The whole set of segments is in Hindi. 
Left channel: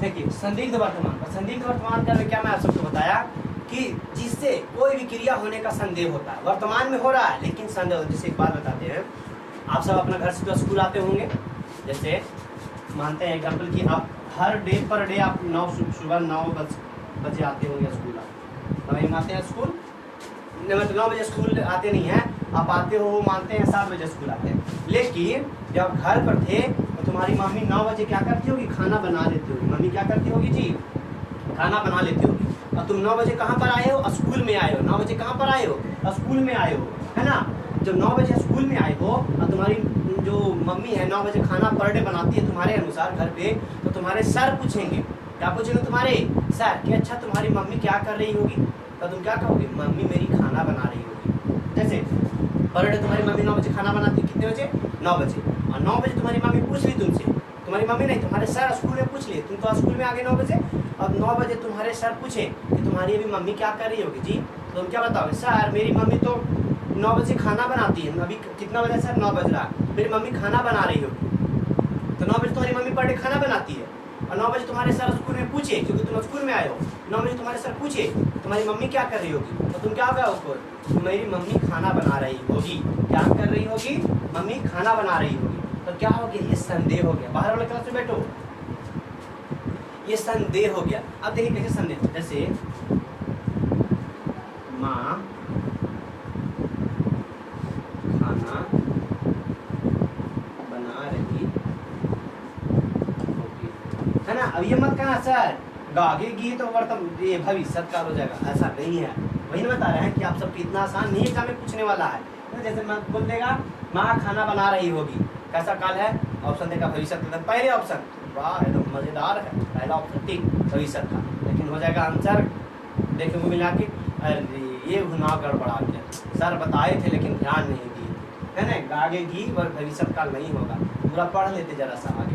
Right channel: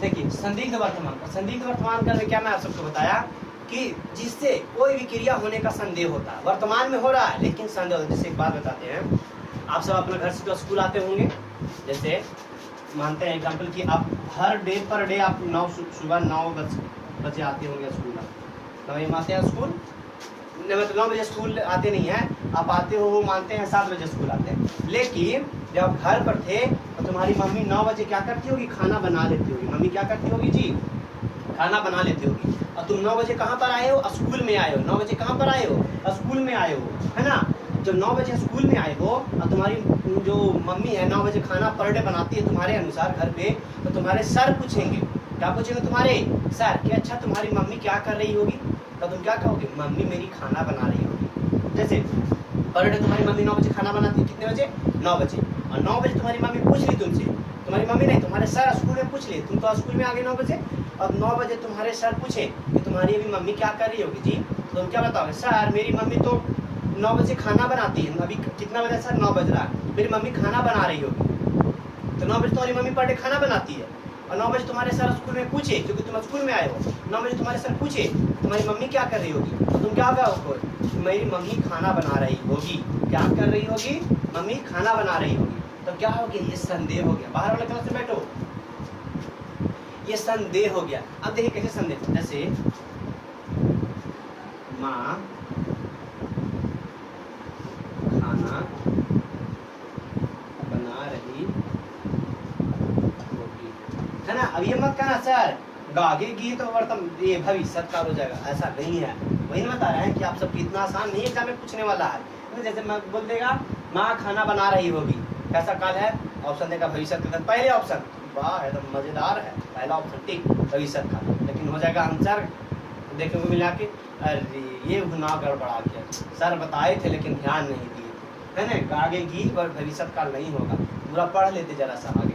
देखिए संदिग्ध वर्तमान काल, संदिग्ध वर्तमान काल में क्या मैं आप सबको बताया कि जिससे कोई भी क्रिया होने का संदेह होता है, वर्तमान में हो रहा है लेकिन संदेह होता है। जैसे एक बात बताते हैं, आप सब अपना घर से तो स्कूल आते होंगे, जैसे मानते हैं एग्जाम्पल कि आप हर डे पर डे आप सुबह 9 बजे आते होंगे स्कूल, आप आते हैं स्कूल, मतलब 9 बजे स्कूल आते नहीं हैं, आप आते हो मानते हैं 7 बजे स्कूल आते हैं। लेकिन जब घर पर थे तो तुम्हारी मम्मी 9 बजे क्या करती होगी, खाना बना लेती होगी। मम्मी क्या करती होगी जी, खाना बना लेती होगी। और तुम 9 बजे कहाँ पर आए हो, स्कूल में आए हो। 9 बजे कहाँ पर आए हो, स्कूल में आए हो, है ना। जब 9 बजे स्कूल में आए हो और तुम्हारी जो मम्मी है 9 बजे खाना पर डे बनाती है तुम्हारे अनुसार घर पे, तो तुम्हारे सर पूछेंगे, क्या पूछेंगे तुम्हारे सर कि अच्छा तुम्हारी मम्मी क्या कर रही होगी, तो तुम क्या कहोगे, मम्मी मेरी खाना बना रही होगी। जैसे पर डे तुम्हारी मम्मी 9 बजे खाना बनाती है, कितने बजे, 9 बजे। और 9 बजे तुम्हारी मम्मी पूछ ली तुमसे, तुम्हारी मम्मी नहीं तुम्हारे सर स्कूल में पूछ लिए, तुम तो स्कूल में आ गए 9 बजे। अब 9 बजे तुम्हारे सर पूछे कि तुम्हारी अभी मम्मी क्या कर रही होगी जी, तो तुम क्या बताओगे, सर मेरी मम्मी तो 9 बजे खाना बनाती है। अभी कितना बजा सर, 9 बज रहा है, मेरी मम्मी खाना बना रही होगी। तो 9 बजे तुम्हारी मम्मी पर डे खाना बनाती है। और 9 बजे तुम्हारे सर स्कूल में पूछे, क्योंकि तुम स्कूल में आए हो, 9 बजे तुम्हारे सर पूछे तुम्हारी मम्मी क्या कर रही होगी, तो तुम क्या होगा उसको, मेरी मम्मी खाना बना रही होगी। क्या कर रही होगी, मम्मी खाना बना रही होगी। तो क्या हो गया, ये संदेह हो गया। बाहर वाले क्लास में बैठो, ये संदेह हो गया। अब देखिए कैसे संदेह, जैसे माँ खाना बना रही होगी, है ना। अब ये मत कहना सर गागेगी तो वर्तमान ये भविष्य काल हो जाएगा, ऐसा नहीं है। वही बता रहे हैं कि आप सबको इतना आसान नहीं एग्जाम में पूछने वाला है। तो जैसे मैं बोल देगा माँ खाना बना रही होगी, कैसा काल है, ऑप्शन देगा भविष्य काल। पहले ऑप्शन वाह एकदम मजेदार है, पहला ऑप्शन ठीक भविष्य काल, लेकिन हो जाएगा आंसर देखने को मिला कि अरे ये ना गड़बड़ा गया, सर बताए थे लेकिन ध्यान नहीं दिए, है ना। गागेगी और भविष्य काल नहीं होगा, पूरा पढ़ लेते जरा सा आगे।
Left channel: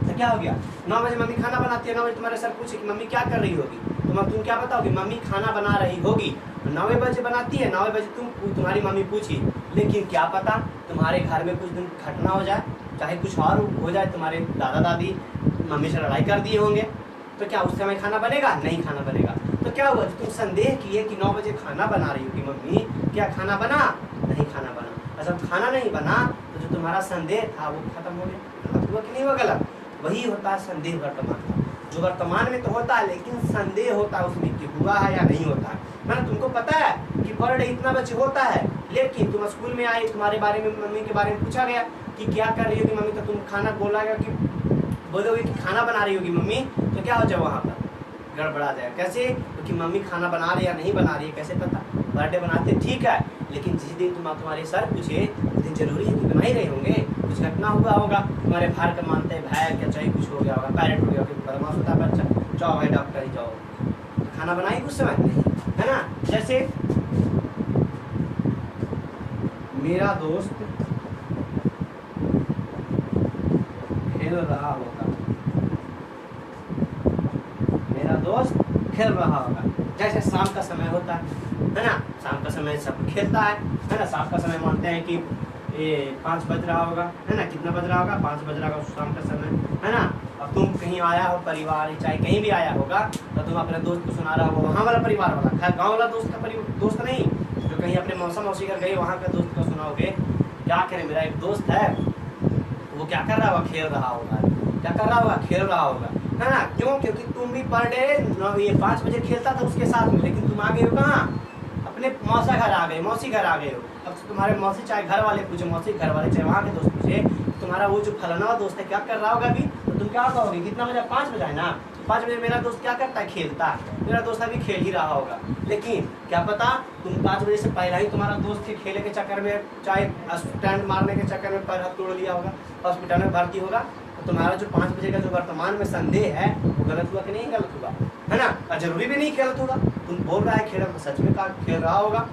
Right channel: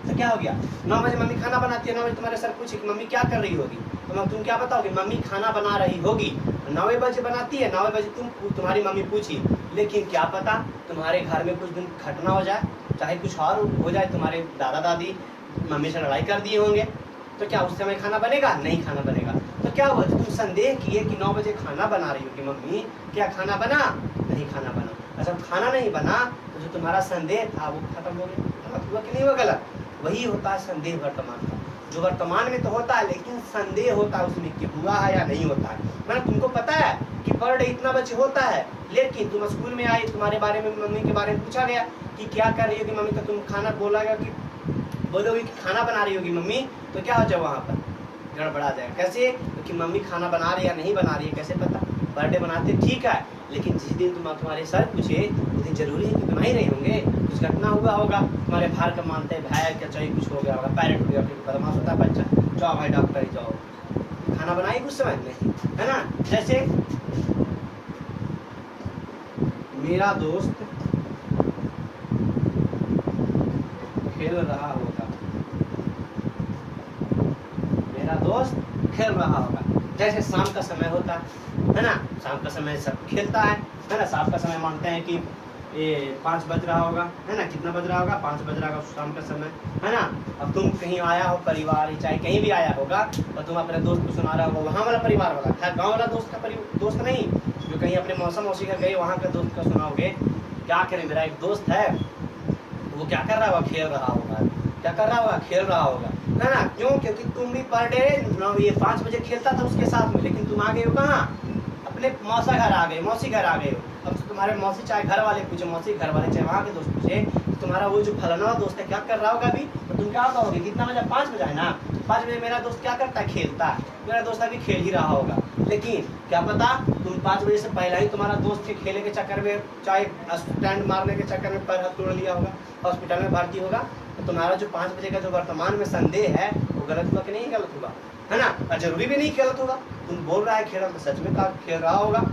तो क्या हो गया, 9 बजे मम्मी खाना बनाती है, 9 बजे तुम्हारे सर पूछे कि मम्मी क्या कर रही होगी, तो तुम क्या बताओगे, मम्मी खाना बना रही होगी। 9 बजे बनाती है, 9 बजे तुम्हारी मम्मी पूछी, लेकिन क्या पता तुम्हारे घर में कुछ दिन घटना हो जाए, चाहे कुछ और हो जाए, तुम्हारे दादा दादी मम्मी से लड़ाई कर दिए होंगे, तो क्या उस समय खाना बनेगा, नहीं खाना बनेगा। तो क्या हुआ, तुम संदेह किए कि 9 बजे खाना बना रही होगी मम्मी, क्या खाना बना, नहीं खाना बना। अच्छा खाना नहीं बना तो जो तुम्हारा संदेह था वो खत्म हो गया, गलत हुआ कि नहीं हुआ, गलत। वही होता है संदेह वर्तमान का, जो वर्तमान में तो होता है लेकिन संदेह होता है उसमें कि हुआ है या नहीं होता है। मैंने तुमको पता है कि पर डे इतना बजे होता है, लेकिन तुम स्कूल में आए, तुम्हारे बारे में मम्मी के बारे में पूछा गया कि क्या कर रही होगी मम्मी, तो तुम खाना बोला गया कि बोलोगे कि खाना बना रही होगी मम्मी, तो क्या हो जाए वहाँ पर गड़बड़ा जाएगा। कैसे, क्योंकि मम्मी खाना बना रही है या नहीं बना रही है कैसे पता, बर्थडे बनाते ठीक है, लेकिन जिस दिन तुम्हारे सर पूछे उस दिन जरूरी है कि बना ही रहे होंगे, कुछ घटना हुआ होगा, तुम्हारे फार का मानते हैं भाई क्या चाहिए, कुछ हो गया होगा, पैरेंट हो गया, फिर बदमाश होता है बच्चा, जाओ भाई डॉक्टर ही जाओ, खाना बनाई कुछ समय नहीं, है ना। जैसे मेरा दोस्त खेल रहा होगा, मेरा दोस्त खेल रहा होगा। जैसे शाम का समय होता है ना, शाम का समय सब खेलता है ना। शाम का समय मानते हैं कि ये 5 बज रहा होगा, है ना, कितना बज रहा होगा, 5 बज रहा होगा शाम का समय, है ना। अब तुम कहीं आया हो परिवार, चाहे कहीं भी आया होगा, तो तुम अपने दोस्त को सुना रहा होगा, वहाँ वाला परिवार वाला, खैर गाँव वाला दोस्त का दोस्त नहीं, जो कहीं अपने मौसी घर गए वहाँ का दोस्त का सुनाओगे। क्या करें, मेरा एक दोस्त है वो क्या कर रहा होगा, खेल रहा होगा, क्या कर रहा होगा, खेल रहा होगा, है ना। क्यों, क्योंकि तुम भी पर डे ये 5 बजे खेलता था उसके साथ में, लेकिन तुम आ गए हो कहाँ, अपने मौसा घर आ गए, मौसी घर आ गए हो। अब तुम्हारे मौसी चाहे घर वाले पूछे, मौसी घर वाले चाहे वहाँ के दोस्त पूछे, तो तुम्हारा वो जो फलाना दोस्त है क्या कर रहा होगा अभी, तो तुम क्या कहोगे, कितना बजा, 5 बजा है ना, 5 बजे मेरा दोस्त क्या करता है, खेलता है, मेरा दोस्त अभी खेल ही रहा होगा। लेकिन क्या पता तुम 5 बजे से पहले ही तुम्हारा दोस्त के खेले के चक्कर में, चाहे स्टैंड मारने के चक्कर में पैर हाथ तोड़ लिया होगा, हॉस्पिटल में भर्ती होगा, तो तुम्हारा जो 5 बजे का जो वर्तमान में संदेह है वो गलत हुआ कि नहीं गलत हुआ, है ना। और जरूरी भी नहीं गलत होगा, तुम बोल रहा है खेल रहा, तो सच में खेल रहा होगा,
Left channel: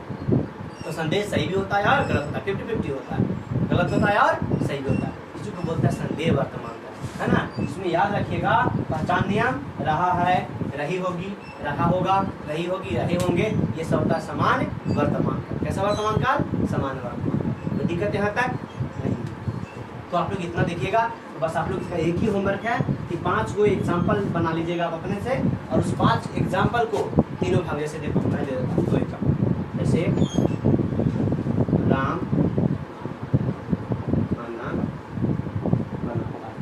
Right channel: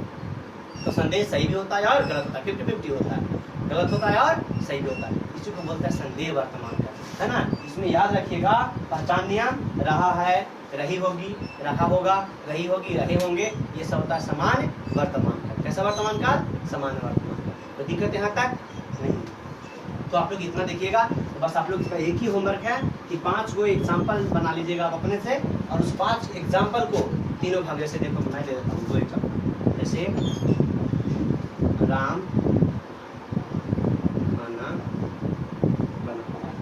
तो संदेह सही भी होता है और गलत होता है, 50-50 होता है, गलत होता है और सही भी होता है। इसी को बोलते हैं संदेह वर्तमान का, है ना। इसमें याद रखिएगा पहचान नियम, रहा है, रही होगी, रहा होगा, रही होगी, रहे होंगे, ये सब होता है समान वर्तमान काल। कैसा वर्तमान काल, समान वर्तमान काल। तो दिक्कत यहाँ तक नहीं। तो आप लोग इतना देखिएगा। तो बस आप लोग इसका एक ही होमवर्क है कि 5 गो एग्जाम्पल बना लीजिएगा आप अपने से, और उस 5 एग्जाम्पल को तीनों भाग, जैसे देखो मैं दे देता हूँ 2 एग्जाम्पल, जैसे राम खाना बनाता है,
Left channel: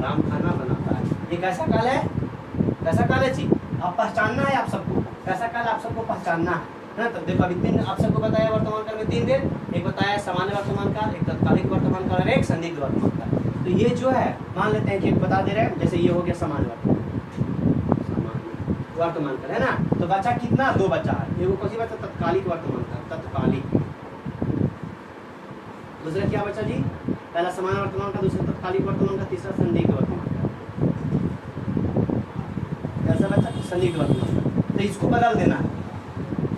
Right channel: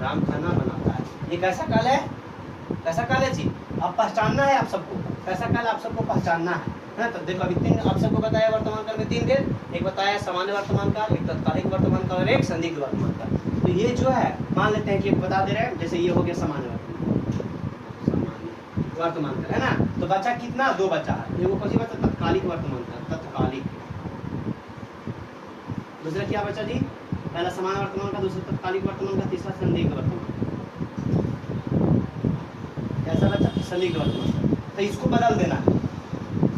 राम खाना बनाता है, ये कैसा काल है, कैसा काल है जी, अब पहचानना है आप सबको, कैसा काल आप सबको पहचानना है ना। तो देखो अभी 3 आप सबको बताया वर्तमान काल में 3 वेद, एक बताया सामान्य वर्तमान काल, एक तत्कालिक वर्तमान काल और एक संदिग्ध वर्तमान काल। तो ये जो है मान लेते हैं कि एक बता दे रहे हैं, जैसे ये हो गया सामान्य वर्तमान काल है ना। तो बचा कितना, 2 बचा है, एगो कौन सी बचा, तत्कालिक वर्तमान काल, तत्कालिक। दूसरा क्या बचा जी, पहला सामान्य वर्तमान का, दूसरा तत्कालिक वर्तमान का, तीसरा संदिग्ध वर्तमान, कैसा बचा, संदिग्ध वर्तमान का। तो इसको बदल देना है,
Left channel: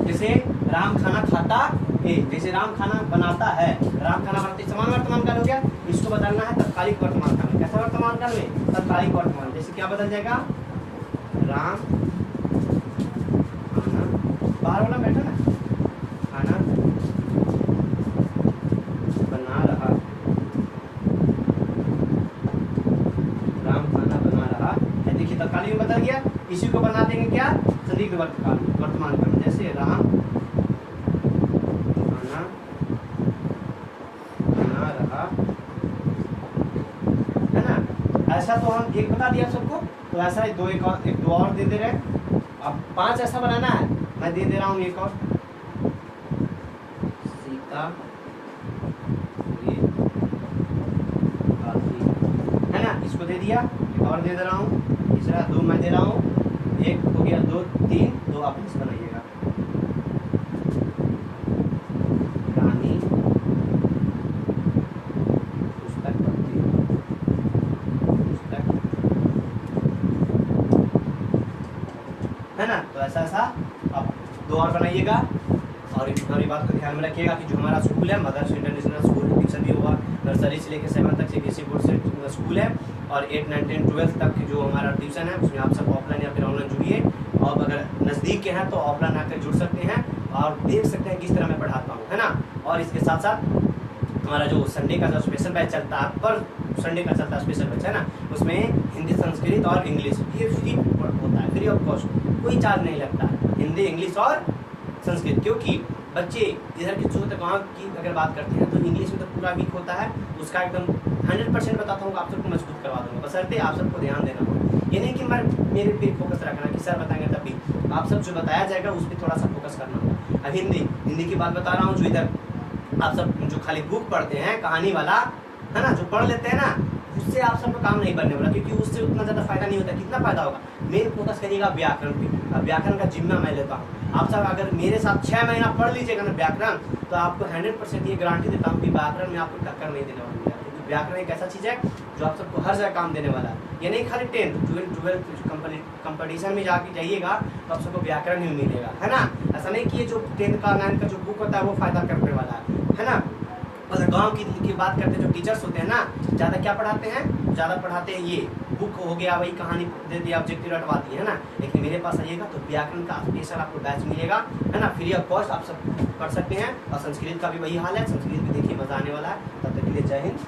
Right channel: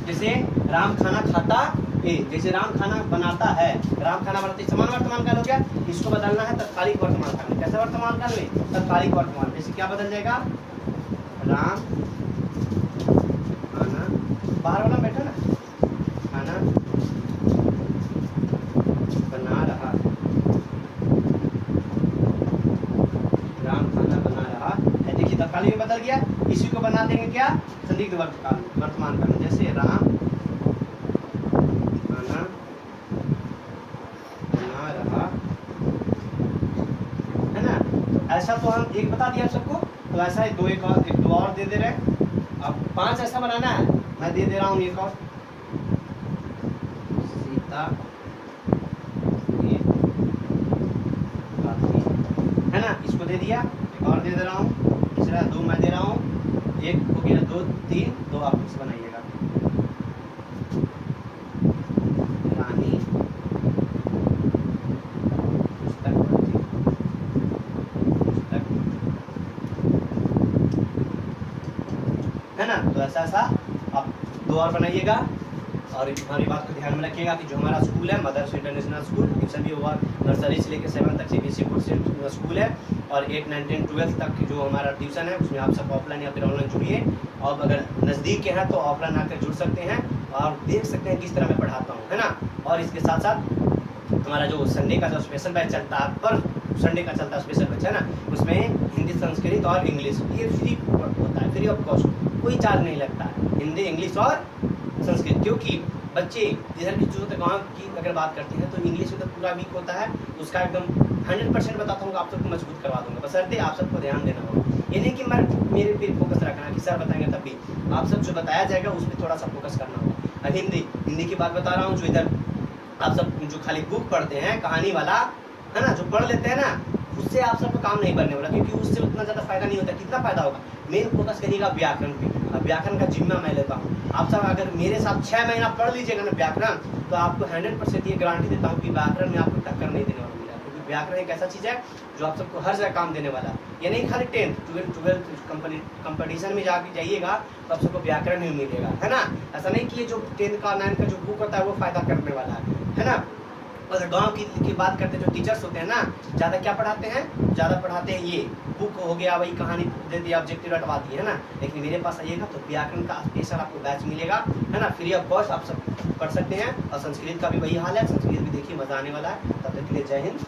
जैसे राम खाना खाता है, जैसे राम खाना बनाता है, राम खाना बनाते समान वर्तमान काल हो गया, इसको बदलना है तत्कालिक वर्तमान काल में। कैसा वर्तमान काल में, तत्कालिक वर्तमान। जैसे क्या बदल जाएगा, राम खाना, बाहर वाला बैठो ना, खाना बना रहा, राम खाना बना रहा है, देखिए तत्कालिक में बदल गया। इसी को बना देंगे क्या, संदिग्ध वर्तमान काल में, जैसे राम खाना बना रहा है ना। ऐसा तो हम एक बता दिया सबको, तो ऐसा ही एक दो और दे दे रहे हैं। अब 5 ऐसा बनाना है, मैं दे दे रहा हूँ एक और, सीता है ना, इसको दे दिया, एक और दे रहा हूँ, तीसरा 2 मैं दे रहा हूँ, एक हो गया, 2 3, 2 आप इसे बनाइएगा, रानी पुस्तक पढ़ती, पुस्तक है ना। तो ऐसा ऐसा आप 2 और बनाइएगा। और हमारी बात को ध्यान में रखिएगा कि जो हमारा स्कूल है मदर्स इंटरनेशनल स्कूल, ट्यूशन भी होगा, नर्सरी से लेकर 7 तक सीबीएसई बोर्ड से स्कूल है, और 8 9 10 12 तक जो हमारा ट्यूशन है उसमें आप सब ऑफलाइन या फिर ऑनलाइन जुड़िए। और अगर नज़दीक के हैं तो ऑफलाइन आकर जुड़ सकते हैं और देख सकते हैं किस तरह मैं पढ़ाता हूँ, है ना। और इसके साथ साथ हमारा जो संडे का जो स्पेशल बैच चलता है, पर संडे का चलता है स्पेशल बैच है ना, उसमें हिंदी, संस्कृत और इंग्लिश, ये फ्री होता है, फ्री ऑफ कॉस्ट, कोई चार्ज नहीं लगता है, हिंदी, इंग्लिश और संस्कृत। क्योंकि बच्चे इधर की जो गाँव की अगर बात करते हैं तो इंग्लिश में तो पूरा वीक होता है, उसका एकदम 100% बताता हूँ, आप सबको मजबूत करवा दूंगा, बशर्ते आप सबको ध्यान देना होगा। ये नहीं कि मैं मेरे पे फोकस रखना कि सर बताएंगे, तब भी आप सब जो बताया जाएगा उस पर थोड़ा सा फोकस करना होगा। अब हिंदी की बात बता रहा हूँ, जो इधर आप सब जो खाली बुक पढ़ते हैं कहानी वाला है ना, जो पढ़ लेते हैं ना, उससे आप सबको काम नहीं बनने वाला, क्योंकि उससे उतना ज़्यादा फायदा नहीं होता। कितना फायदा होगा, मेन फोकस करिएगा व्याकरण पे। अब व्याकरण का जिम्मा मैं लेता हूँ, आप सब अगर मेरे साथ 6 महीना पढ़ लीजिएगा ना व्याकरण, तो आपको 100% ये गारंटी देता हूँ कि व्याकरण में आपको टक्कर नहीं देने वाला मिलेगा। क्योंकि व्याकरण एक ऐसा चीज़ है जो आप सबको हर जगह काम देने वाला है। ये नहीं खाली 10th 12th कंपटीशन में जाके जाइएगा तो आप सबको व्याकरण ही मिलेगा, है ना। ऐसा नहीं कि ये जो 10th का 9th का जो बुक होता है वो फायदा करने वाला है ना। और गांव की बात करते हैं, जो टीचर्स होते हैं ना, ज़्यादा क्या पढ़ाते हैं, ज़्यादा पढ़ाते हैं ये बुक हो गया, वही कहानी दे दिया, ऑब्जेक्टिव रटवाती है ना। लेकिन मेरे पास आइएगा तो व्याकरण का स्पेशल आपको बैच मिलेगा, है ना, फ्री ऑफ कॉस्ट, आप सब पढ़ सकते हैं। और संस्कृत का भी वही हाल है, संस्कृत भी देखिए मजा आने वाला है। तब तक के लिए जय हिंद।